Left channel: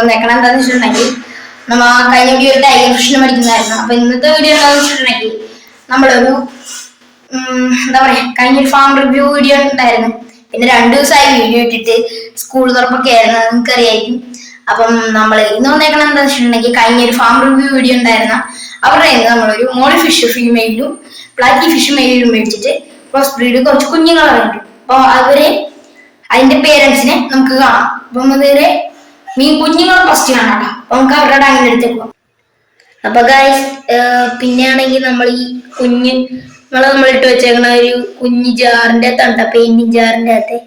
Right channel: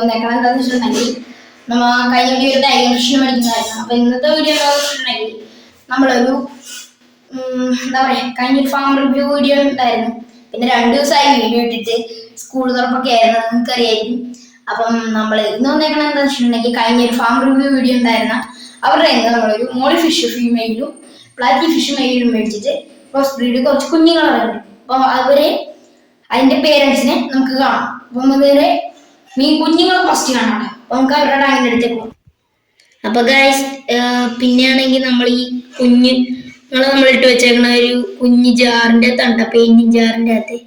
വന്നേക്കണം എന്താണെന്ന് വെച്ചിട്ടുണ്ടെങ്കിൽ നമ്മ കഴിഞ്ഞ വീഡിയോ ഒരു ടൈഗർ ഫിഷിനെ പഠിക്കുന്നതായിരുന്നു. അപ്പൊ ഇന്നത്തെ വീഡിയോ എന്താണെന്ന് വെച്ചിട്ടുണ്ടെങ്കിൽ നമ്മളൊരു എന്താ പറയാ കഴിഞ്ഞൊരു ഫാം റിവ്യൂ വീഡിയോ ഉണ്ടായിരുന്നു. പിന്നെ 2 ദിവസമായി വീഡിയോ ഇട്ടിട്ട് സ്കൂൾ തുറപ്പൊക്കെ ആയിരുന്നു, നിങ്ങൾക്ക് അറിയായിരിക്കും. അപ്പം നമ്മൾ ഇന്ന് വന്നേക്കണം എന്താ വെച്ചിട്ടുണ്ടെങ്കിൽ കഴിഞ്ഞൊരു ഫാം റിവ്യൂ വീഡിയോ ഉണ്ടായിരുന്ന അവരുടെ നമ്മളൊരു മോളി ഫിഷ് ഫീമെയിലും പ്ലാറ്റി ഫിഷ് മെയിലും മേടിച്ചിട്ട് ക്രോസ് ബ്രീഡ് കുറച്ച് കുഞ്ഞുങ്ങൾ അറിഞ്ഞു. അപ്പൊ അതിന്റെ പേരൻസിനെ നമുക്ക് കാണാം. അപ്പം അതിനെ മീൻ കുഞ്ഞുങ്ങളെ ഫസ്റ്റ് കാണാം. അപ്പൊ നമുക്ക് അവരുടെ ടാങ്കിന്റെ അടുത്തേക്ക് പോകാം. അപ്പൊ ഗൈസ് പിന്നെയാണെങ്കിൽ നമ്മൾ ഈ നമ്മൾ ഇട്ട് വെച്ചേക്കണ ഒരു കുഞ്ഞു ജാറിന്റെ അകത്താണ്, പെയിന്റിങ് ജാറിന്റെ അകത്ത്.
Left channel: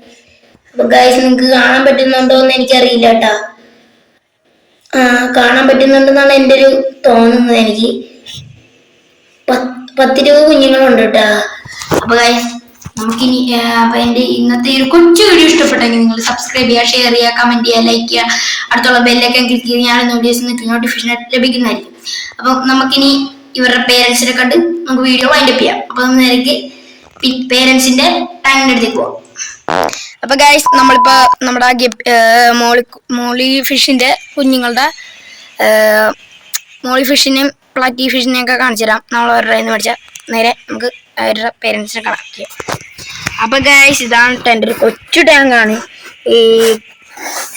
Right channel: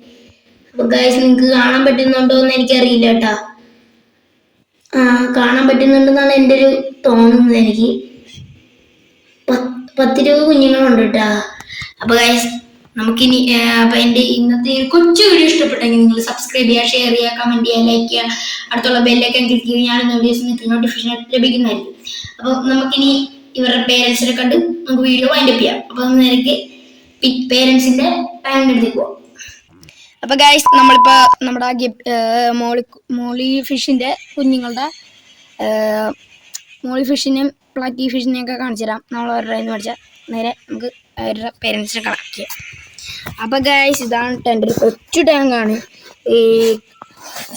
അപ്പൊ ഗൈസ് നിങ്ങൾക്ക് കാണാൻ പറ്റുന്നുണ്ടോ എന്ന് എനിക്കറിയില്ല കേട്ടാ. കാണാൻ പറ്റുന്നുണ്ടെന്നാണ് എൻ്റെ ഒരു തോന്നുന്നത്. എനിക്ക് 10-20 കുഞ്ഞുങ്ങളുണ്ട് കേട്ടാ. അപ്പൊ ഗൈസ് നമുക്കിനി അപ്പൊ എന്റെ ഇന്നത്തെ ഒരു കൊച്ചു വീഡിയോ ഇഷ്ടപ്പെട്ടെങ്കിൽ നിങ്ങൾ സബ്സ്ക്രൈബ് ചെയ്യുക, ഷെയർ ചെയ്യുക, കമന്റ് ചെയ്യുക, ലൈക്ക് ചെയ്യുക, അടുത്തുള്ള ബെല്ലൊക്കെ ക്ലിക്ക് ചെയ്ത് ഞാൻ വീഡിയോസ് നോട്ടിഫിക്കേഷൻ ലഭിക്കുന്നതായിരിക്കും. അപ്പൊ നമുക്കിനി ഇവരുടെ പേരൻസിനെ കണ്ട് നമുക്ക് വീഡിയോ വൈൻഡപ്പ് ചെയ്യാം. അപ്പൊ നേരേക്ക് പേരൻസിന്റെ ടൈമിന്റെ അടുത്തേക്ക് പോവാം. അപ്പൊ ഗൈസ് നമ്മളിപ്പോ നമ്മുടെ മോളി ഫിഷിന്റെ കുഞ്ഞുങ്ങളുടെ മോളി ഫിഷിനെയും പ്ലാറ്റി ഫിഷിനെയും ഒക്കെ കാണിച്ചു തരാം. നമ്മൾ അവരുടെ കയ്യിൽ നിന്ന് മേടിച്ച നേരെ നമുക്ക് അവരുടെ പേരൻസിനെ കളക്ട് ചെയ്യാം. അപ്പൊ ഗൈസ് ഇതാണ് എൻ്റെ ഒരു കൊച്ചു ടാങ്കാണ്. ഈ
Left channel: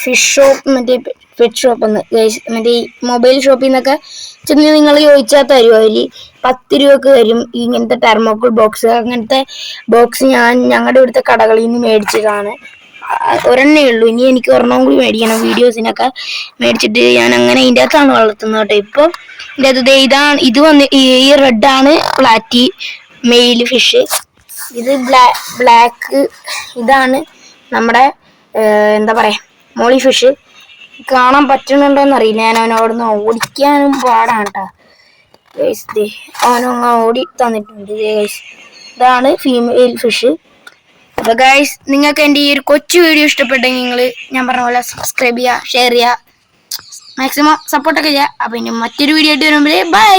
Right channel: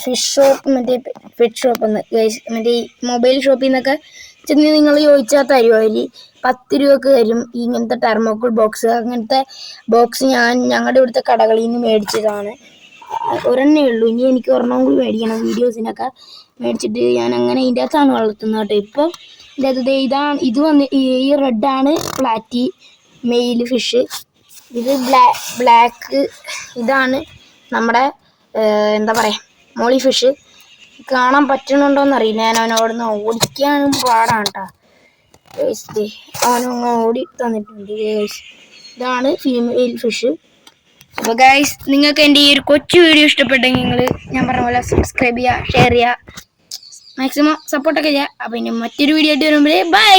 ഫിഷ് ഷോപ്പ് മറ്റേ പെറ്റ് ഷോപ്പ് ഗൈസ് മറ്റേ ഈ മൊബൈൽ ഷോപ്പിൽ നിന്നൊക്കെ ചെന്ന് നിങ്ങൾ ചോദിച്ചാൽ തരും. അതിൽ 10 രൂപക്ക് തരും ഇങ്ങനത്തെ തെർമോക്കോൾ ബോക്സ്. അങ്ങനത്തെ ബോക്സ് ഞങ്ങളുടെ ഇവിടുത്തെ കടകളിൽ നിന്ന് മേടിച്ചതാണ്. ഒരെണ്ണേ ഉള്ളൂ, ഇനി എനിക്ക് ഒരെണ്ണം കൂടി മേടിക്കണം. വീഡിയോസിനൊക്കെ മേടിച്ചിട്ട് ഞാൻ അങ്ങനെ ഇതിൻ്റെ അകത്താണ് വളർത്തുന്നത് കേട്ടോ. ഇപ്പോൾ ഇതിൻ്റെ അകത്ത് ഇതാണ് ഈ റെഡാണ് പ്ലാറ്റി മെയിൽ ഫിഷ്. ഇത് ബ്ലാക്ക് ഇതാണ് നമ്മുടെ എന്താ പറയാ മോളി ഫിഷ്. കാണാൻ പറ്റണുണ്ടോന്നറിയില്ല, ഞാൻ അവനോടൊന്ന് ഓടിക്കാനും പാടാണ് കേട്ടോ. അവനൊന്ന് ഓടി തന്നിട്ടുണ്ട്. ഇതാണ് ഫീമെയിൽ ഫിഷ്. അപ്പൊ ഗൈസ് നിങ്ങൾക്ക് എൻ്റെ ഈ ഒരു കൊച്ചു വീഡിയോ ഇഷ്ടപ്പെട്ടെങ്കിൽ നിങ്ങൾ ഞാൻ പറഞ്ഞ പോലെ സബ്സ്ക്രൈബ് ചെയ്യുക, ഷെയർ ചെയ്യുക, മാക്സിമം സപ്പോർട്ടൊക്കെ ചെയ്യുക. അപ്പൊ ഇനി മറ്റൊരു വീഡിയോ ആയിട്ട് വരുമ്പോൾ ബൈ.